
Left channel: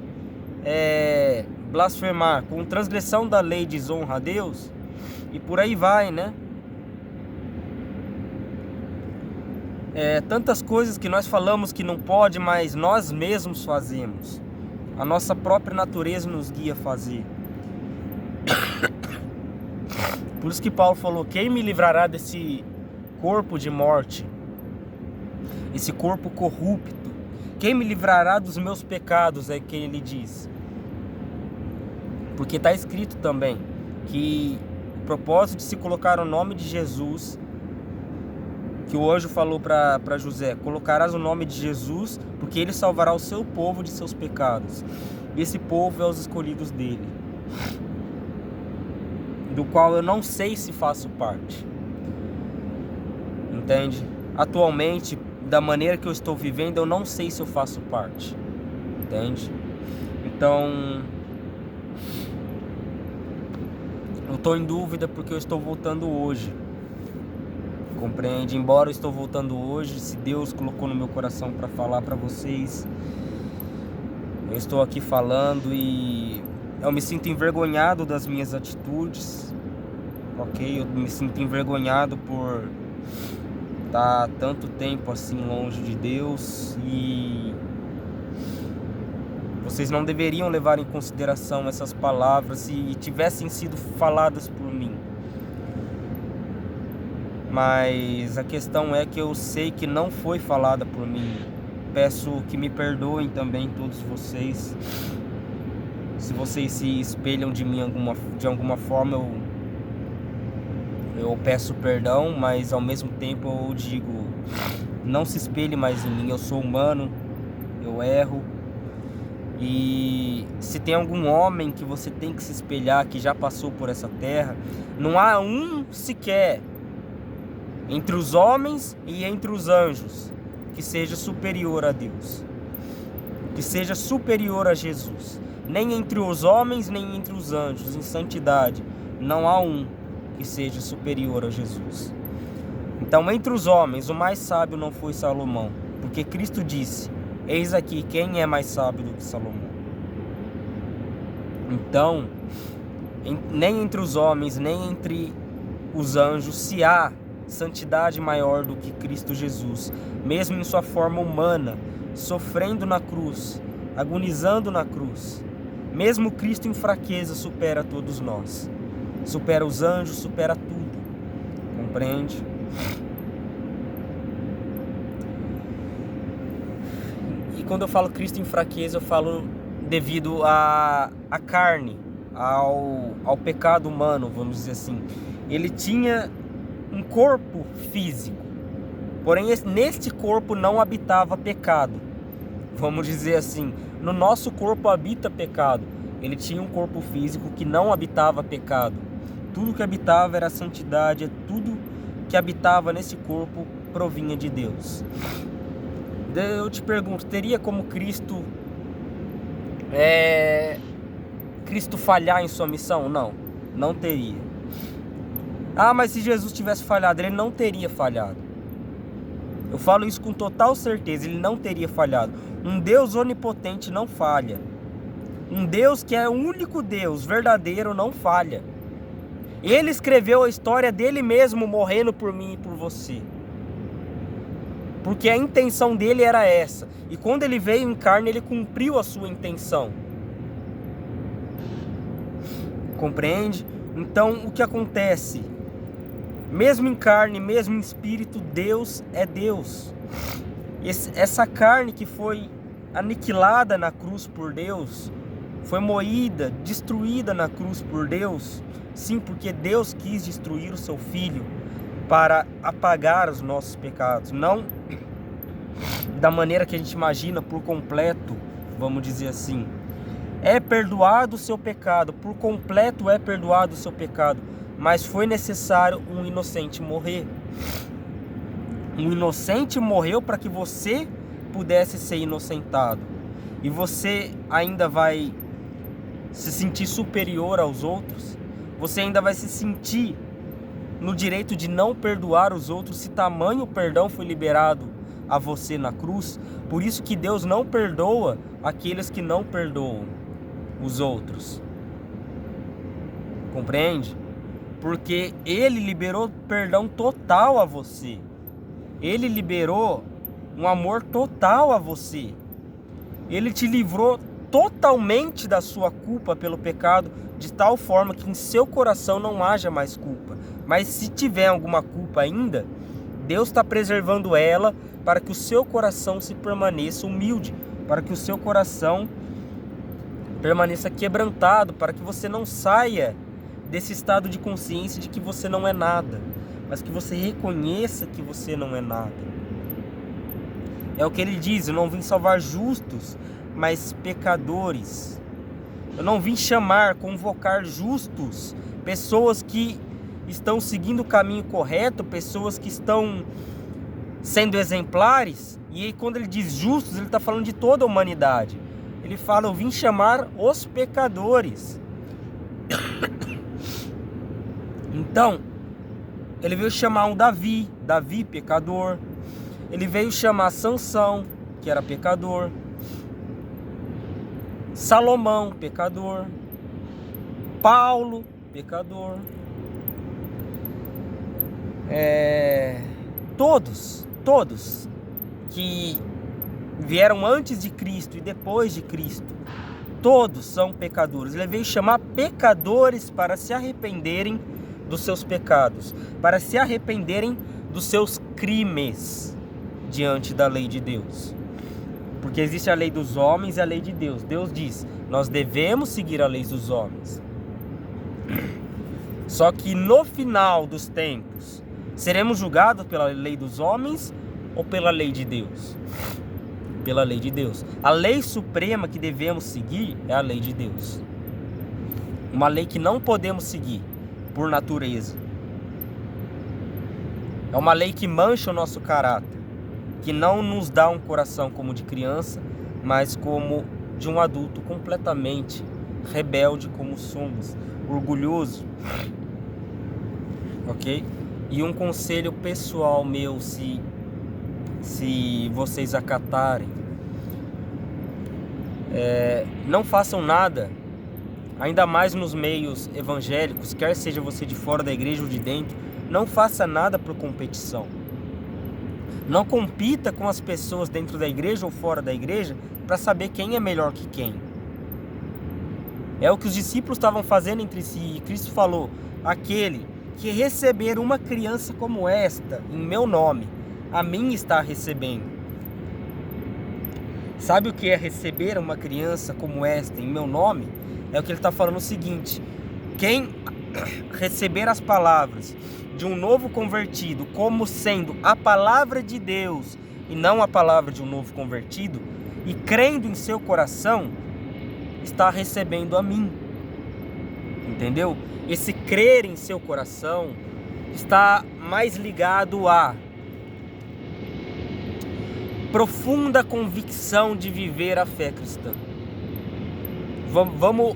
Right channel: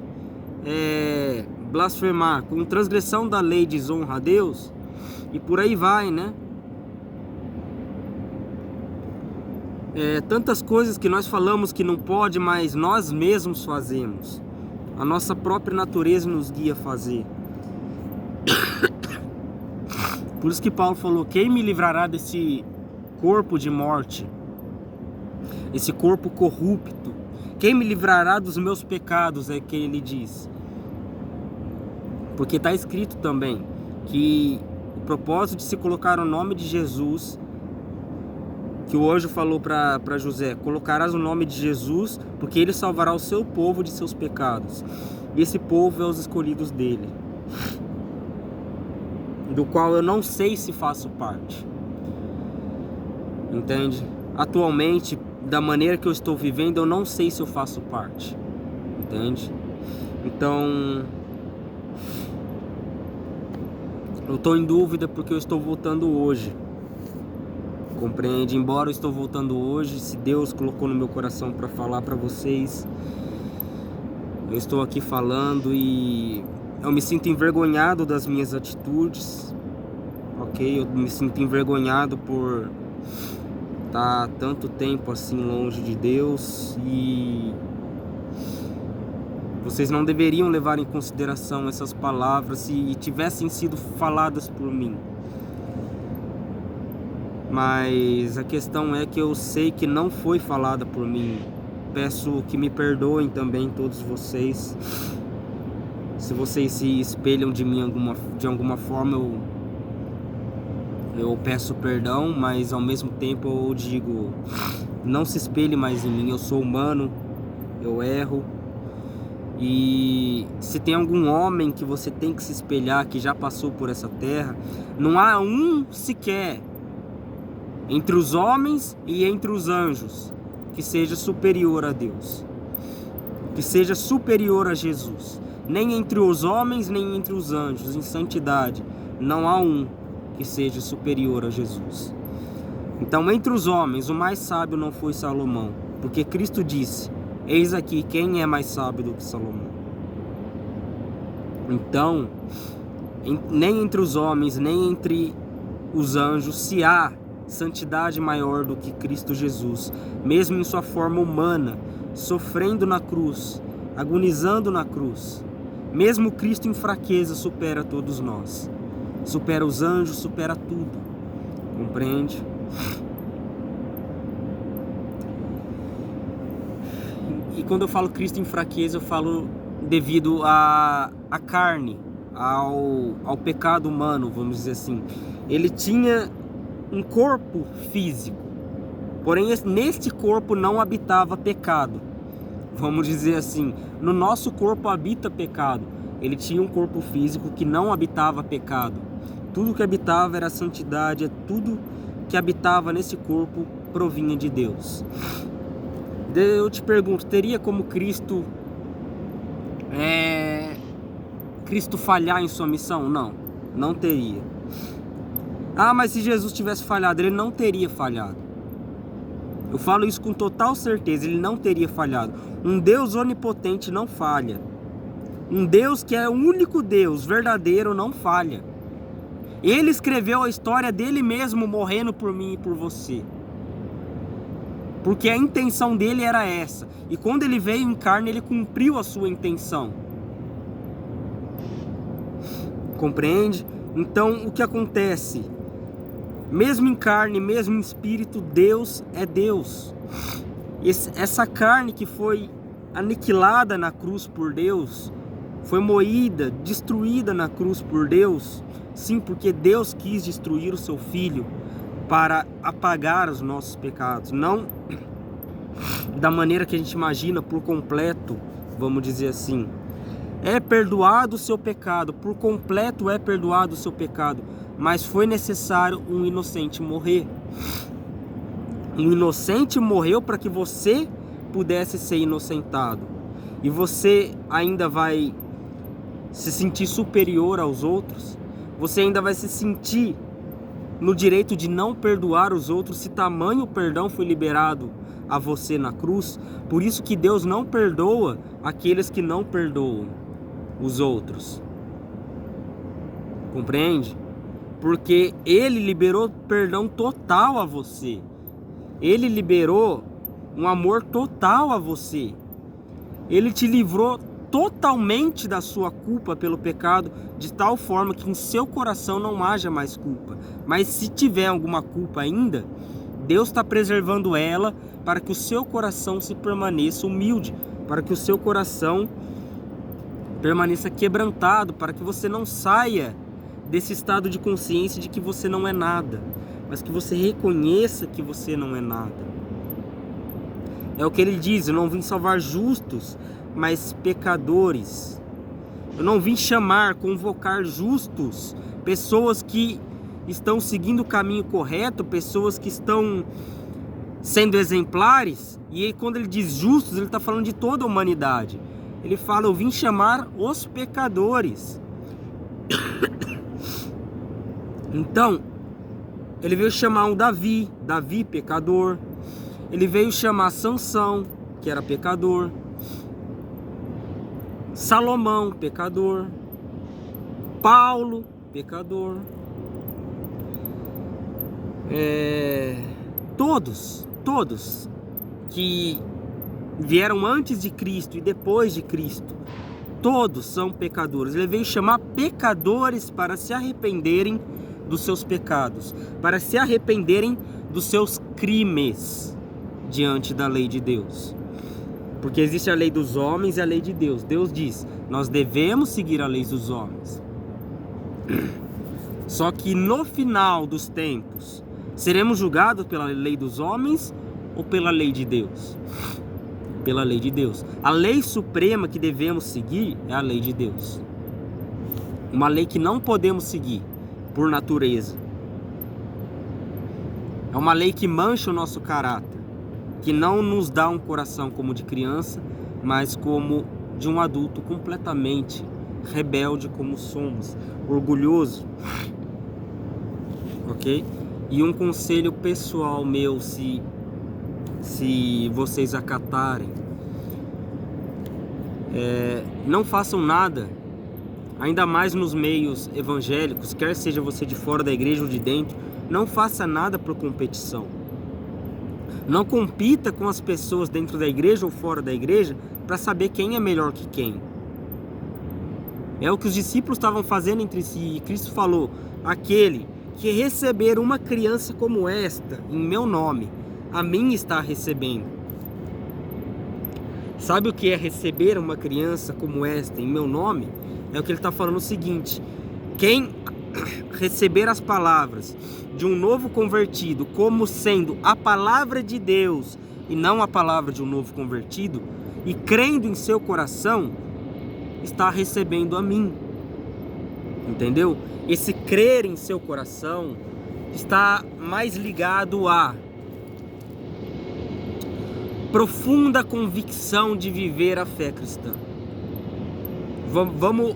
blasfemar, com transgressão da lei desonra a Deus? E por aí vai, né? Tantas coisas que nós falamos que não pode, mas nós mesmos fazemos. A nossa própria natureza nos guia a fazer. Por isso que Paulo falou: quem me livrará desse corpo de morte, esse corpo corrupto? Quem me livrará dos meus pecados, é quem ele diz. Porque está escrito também que o propósito de se colocar o nome de Jesus, que o anjo falou para José: colocarás o nome de Jesus, porque ele salvará o seu povo de seus pecados. E esse povo é os escolhidos dele, do qual eu não sei se faço parte. Entende? Atualmente, da maneira que eu estou vivendo, eu não sei se eu faço parte. Entende? Então, eu estou em dúvida porque eu estou voltando hoje. Compreende? Embora eu estou voltando hoje, se Deus colocou no meu coração para falar para vocês, eu estou aqui falando e eu me sinto envergonhado das minhas atitudes, ok? Eu me sinto envergonhado por tá tanto tempo assim longe de Deus, e vocês não deveriam levar em consideração essas palavras se tivessem sido faladas por mim. Mas a questão é que eu sei que não foi falada por mim. Peço que me perdoem também todos vocês. Se vocês se espelham de mim de alguma forma, eu peço perdão, mas ao mesmo tempo eu digo, não se espelhe mais em mim. Eu sou humano, eu erro. E se tem algum homem que você tem que se espelhar, que já passou por essa terra, não há um sequer entre os homens e entre os anjos que seja superior a Deus, que seja superior a Jesus. Nem entre os homens, nem entre os anjos, em santidade, não há um que seja superior a Jesus. Então, entre os homens, o mais sábio não foi Salomão, porque Cristo disse, eis aqui quem é mais sábio do que Salomão. Então, nem entre os homens, nem entre os anjos, se há santidade maior do que Cristo Jesus, mesmo em sua forma humana, sofrendo na cruz, agonizando na cruz. Mesmo Cristo em fraqueza supera todos nós, supera os anjos, supera tudo, compreende? E quando eu falo Cristo em fraqueza, eu falo devido à carne, ao pecado humano, vamos dizer assim. Ele tinha um corpo físico, porém neste corpo não habitava pecado, vamos dizer assim. No nosso corpo habita pecado. Ele tinha um corpo físico que não habitava pecado. Tudo que habitava era santidade, tudo que habitava nesse corpo provinha de Deus. Eu te pergunto, teria como Cristo falhar em sua missão? Não, não teria. Ah, mas se Jesus tivesse falhado, ele não teria falhado. Eu falo isso com total certeza, ele não teria falhado. Um Deus onipotente não falha. Um Deus que é o único Deus verdadeiro não falha. Ele escreveu a história dele mesmo morrendo por mim e por você. Porque a intenção dele era essa. E quando ele veio em carne, ele cumpriu a sua intenção. Compreende? Então, o que acontece? Mesmo em carne, mesmo em espírito, Deus é Deus. Essa carne que foi aniquilada na cruz por Deus, foi moída, destruída na cruz por Deus, sim, porque Deus quis destruir o seu Filho para apagar os nossos pecados, não da maneira que a gente imagina, por completo, vamos dizer assim. É perdoado o seu pecado, por completo é perdoado o seu pecado, mas foi necessário um inocente morrer. Um inocente morreu para que você pudesse ser inocentado. E você ainda vai se sentir superior aos outros? Você ainda vai se sentir no direito de não perdoar os outros se tamanho perdão foi liberado a você na cruz? Por isso que Deus não perdoa aqueles que não perdoam os outros. Compreende? Porque Ele liberou perdão total a você. Ele liberou um amor total a você. Ele te livrou totalmente da sua culpa pelo pecado, de tal forma que em seu coração não haja mais culpa. Mas se tiver alguma culpa ainda, Deus está preservando ela para que o seu coração se permaneça humilde, para que o seu coração permaneça quebrantado, para que você não saia desse estado de consciência de que você não é nada, mas que você reconheça que você não é nada. É o que ele diz: eu não vim salvar justos, mas pecadores. Eu não vim chamar, convocar justos, pessoas que estão seguindo o caminho correto, pessoas que estão sendo exemplares. E aí, quando ele diz justos, ele está falando de toda a humanidade. Ele fala: eu vim chamar os pecadores. Então, ele veio chamar um Davi pecador. Ele veio chamar Sansão, que era pecador. Salomão, pecador. Paulo, pecador. todos que vieram antes de Cristo e depois de Cristo, todos são pecadores. Ele veio chamar pecadores para se arrependerem dos seus pecados, para se arrependerem dos seus crimes diante da lei de Deus. Porque existe a lei dos homens e a lei de Deus. Deus diz, nós devemos seguir a lei dos homens. Só que no final dos tempos, seremos julgados pela lei dos homens ou pela lei de Deus? Pela lei de Deus. A lei suprema que devemos seguir é a lei de Deus. Uma lei que não podemos seguir por natureza. É uma lei que mancha o nosso caráter, que não nos dá um coração como de criança, mas como de um adulto completamente rebelde como somos, orgulhoso. Ok? E um conselho pessoal meu, se vocês acatarem, não façam nada, ainda mais nos meios evangélicos, quer seja você de fora da igreja ou de dentro, não faça nada por competição. Não compita com as pessoas dentro da igreja ou fora da igreja para saber quem é melhor que quem. É o que os discípulos estavam fazendo entre si, e Cristo falou, aquele que receber uma criança como esta, em meu nome, a mim está recebendo. Sabe o que é receber uma criança como esta, em meu nome? É o que ele está falando o seguinte, quem receber as palavras de um novo convertido como sendo a palavra de Deus e não a palavra de um novo convertido, e crendo em seu coração, está recebendo a mim. Entendeu? Esse crer em seu coração está mais ligado a profunda convicção de viver a fé cristã. Vamos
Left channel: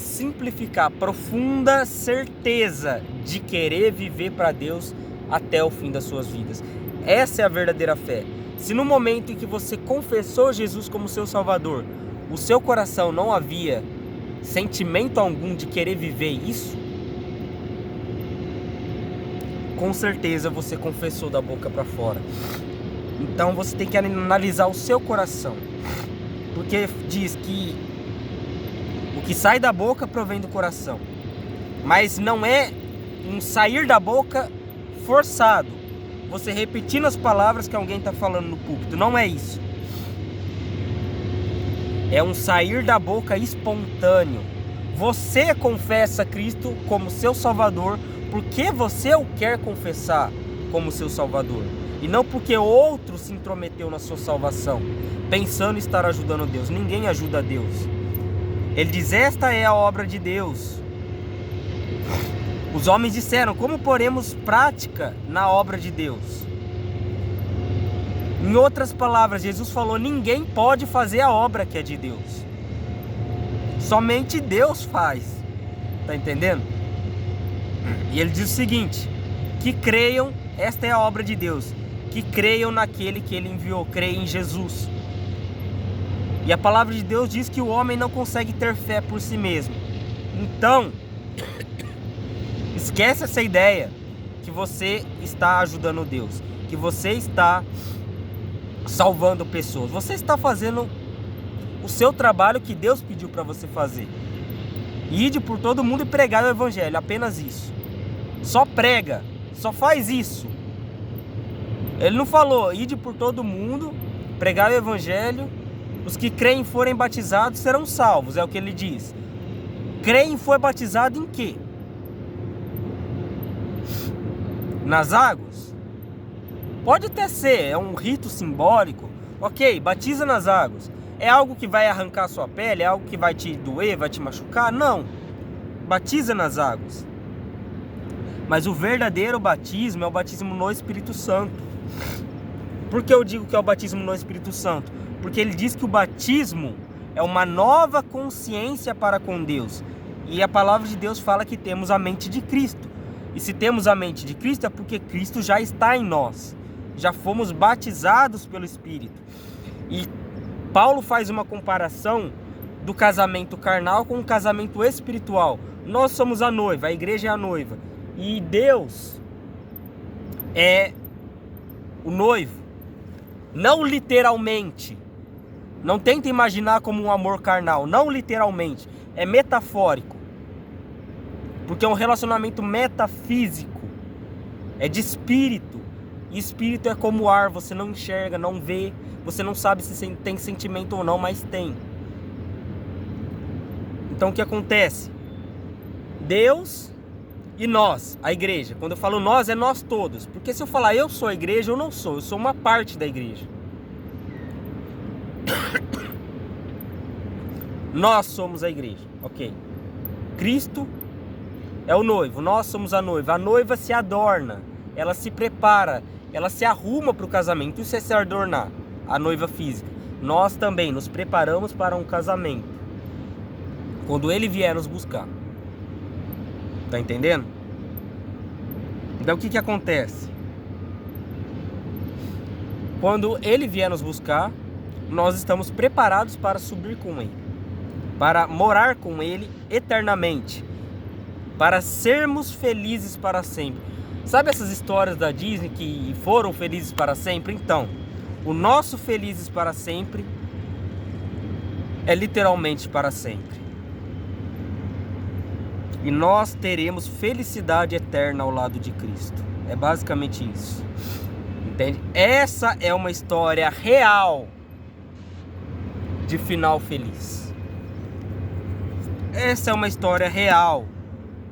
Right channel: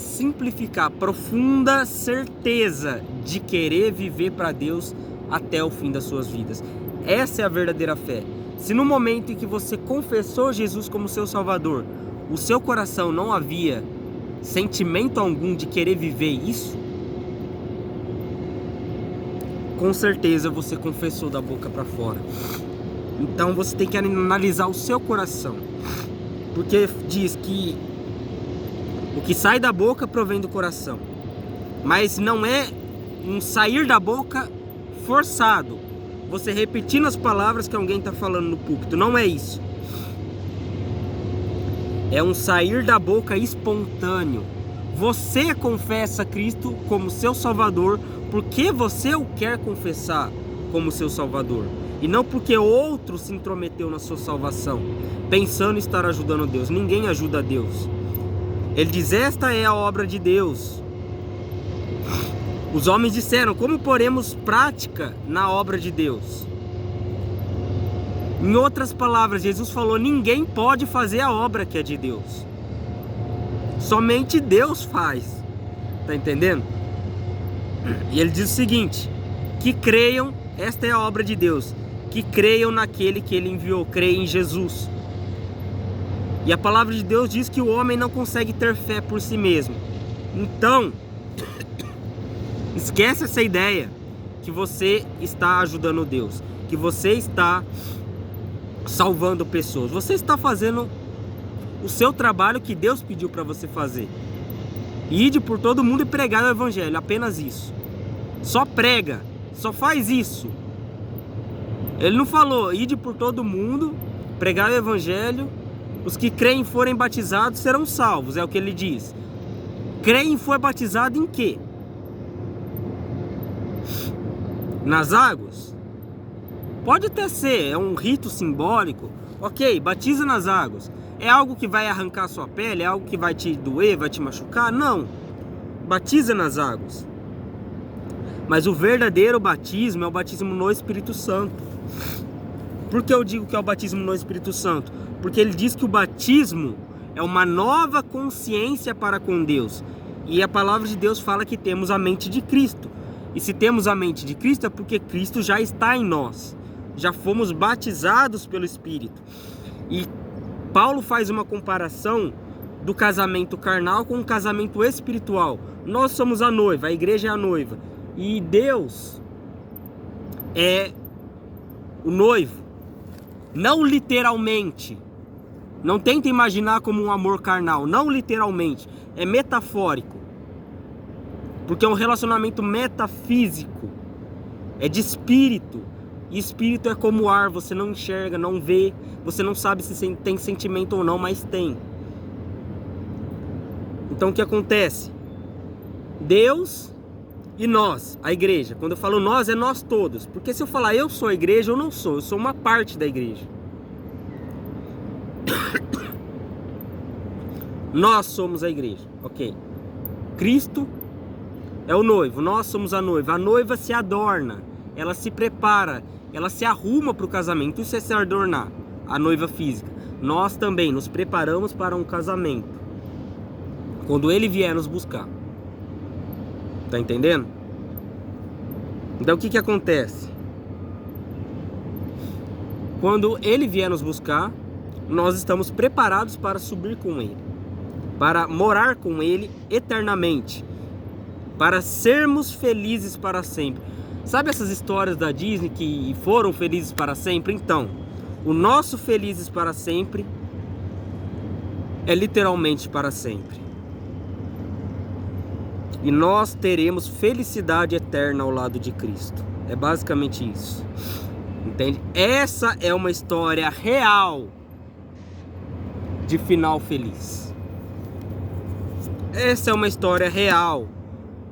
simplificar, profunda certeza de querer viver para Deus até o fim das suas vidas. Essa é a verdadeira fé. Se no momento em que você confessou Jesus como seu Salvador, o seu coração não havia sentimento algum de querer viver isso, com certeza você confessou da boca para fora. Então você tem que analisar o seu coração, porque diz que o que sai da boca provém do coração, mas não é um sair da boca forçado, você repetindo as palavras que alguém está falando no púlpito, não é isso. É um sair da boca espontâneo. Você confessa Cristo como seu Salvador porque você o quer confessar como seu Salvador, e não porque outro se intrometeu na sua salvação, pensando estar ajudando Deus. Ninguém ajuda a Deus. Ele diz, esta é a obra de Deus. Os homens disseram, como poremos prática na obra de Deus? Em outras palavras, Jesus falou, ninguém pode fazer a obra que é de Deus. Somente Deus faz. Tá entendendo? E ele diz o seguinte, que creiam, esta é a obra de Deus, que creiam naquele que ele enviou, creem em Jesus. E a palavra de Deus diz que o homem não consegue ter fé por si mesmo. Então, esquece essa ideia que você está ajudando Deus, que você está salvando pessoas. Você está fazendo o seu trabalho que Deus pediu para você fazer. Ide por todo mundo e pregar o evangelho, apenas isso. Só prega, só faz isso. Ele não falou, ide por todo mundo, pregar o evangelho, os que creem e forem batizados serão salvos, é o que ele diz. Creem e for batizado em quê? Nas águas? Pode até ser, é um rito simbólico, ok, batiza nas águas. É algo que vai arrancar a sua pele? É algo que vai te doer, vai te machucar? Não, batiza nas águas. Mas o verdadeiro batismo é o batismo no Espírito Santo. Por que eu digo que é o batismo no Espírito Santo? Porque ele diz que o batismo é uma nova consciência para com Deus. E a palavra de Deus fala que temos a mente de Cristo. E se temos a mente de Cristo é porque Cristo já está em nós. Já fomos batizados pelo Espírito. E Paulo faz uma comparação do casamento carnal com o casamento espiritual. Nós somos a noiva, a igreja é a noiva. E Deus é o noivo. Não literalmente. Não tenta imaginar como um amor carnal. Não literalmente. É metafórico. Porque é um relacionamento metafísico. É de espírito. E espírito é como ar. Você não enxerga, não vê. Você não sabe se tem sentimento ou não, mas tem. Então o que acontece? Deus e nós, a igreja. Quando eu falo nós, é nós todos. Porque se eu falar eu sou a igreja, eu não sou. Eu sou uma parte da igreja. Nós somos a igreja, ok? Cristo é o noivo, nós somos a noiva. A noiva se adorna, ela se prepara, ela se arruma para o casamento. Isso é se adornar, a noiva física. Nós também nos preparamos para um casamento, quando ele vier nos buscar. Tá entendendo? Então o que acontece? Quando ele vier nos buscar, nós estamos preparados para subir com ele, para morar com ele eternamente, para sermos felizes para sempre. Sabe essas histórias da Disney que foram felizes para sempre? Então, o nosso felizes para sempre é literalmente para sempre. E nós teremos felicidade eterna ao lado de Cristo. É basicamente isso. Entende? Essa é uma história real de final feliz. Essa é uma história real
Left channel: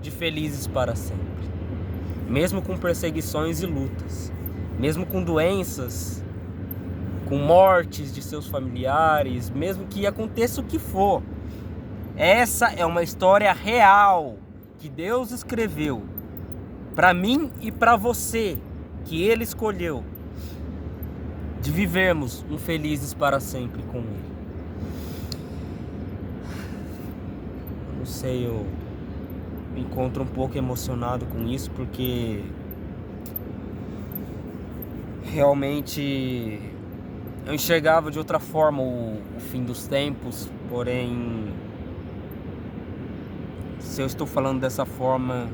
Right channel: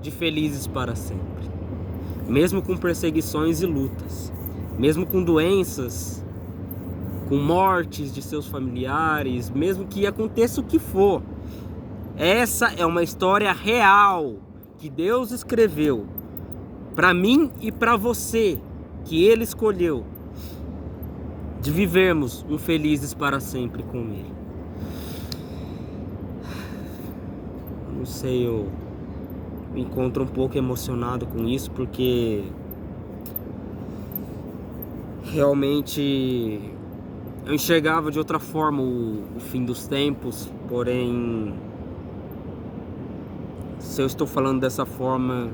de felizes para sempre. Mesmo com perseguições e lutas. Mesmo com doenças, com mortes de seus familiares, mesmo que aconteça o que for. Essa é uma história real que Deus escreveu para mim e para você, que Ele escolheu, de vivermos um felizes para sempre com Ele. Não sei, eu me encontro um pouco emocionado com isso, porque realmente eu enxergava de outra forma o fim dos tempos, porém, se eu estou falando dessa forma,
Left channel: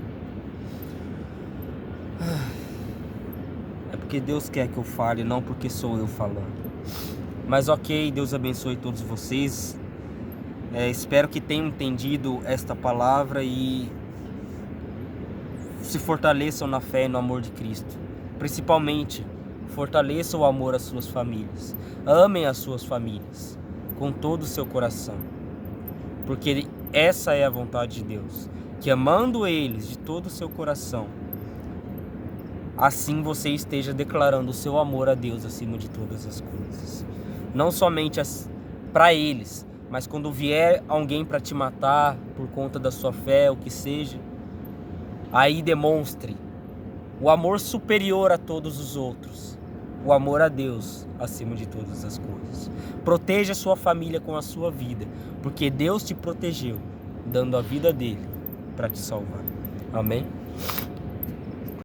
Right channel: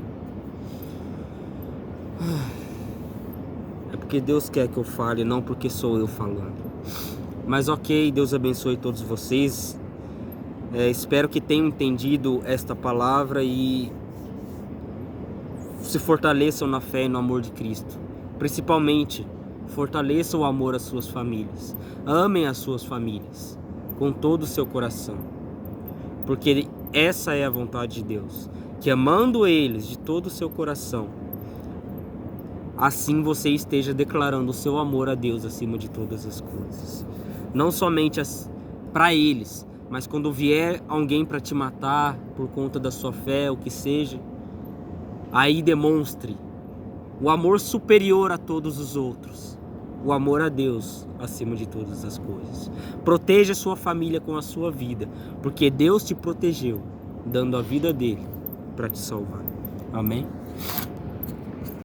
é porque Deus quer que eu fale, não porque sou eu falando. Mas ok, Deus abençoe todos vocês. Espero que tenham entendido esta palavra e se fortaleçam na fé e no amor de Cristo. Principalmente, fortaleçam o amor às suas famílias. Amem as suas famílias com todo o seu coração. Porque essa é a vontade de Deus. Que amando eles de todo o seu coração, assim você esteja declarando o seu amor a Deus acima de todas as coisas. Não somente para eles, mas quando vier alguém para te matar por conta da sua fé, o que seja, aí demonstre o amor superior a todos os outros, o amor a Deus acima de todas as coisas. Proteja a sua família com a sua vida, porque Deus te protegeu, dando a vida dele para te salvar. Amém?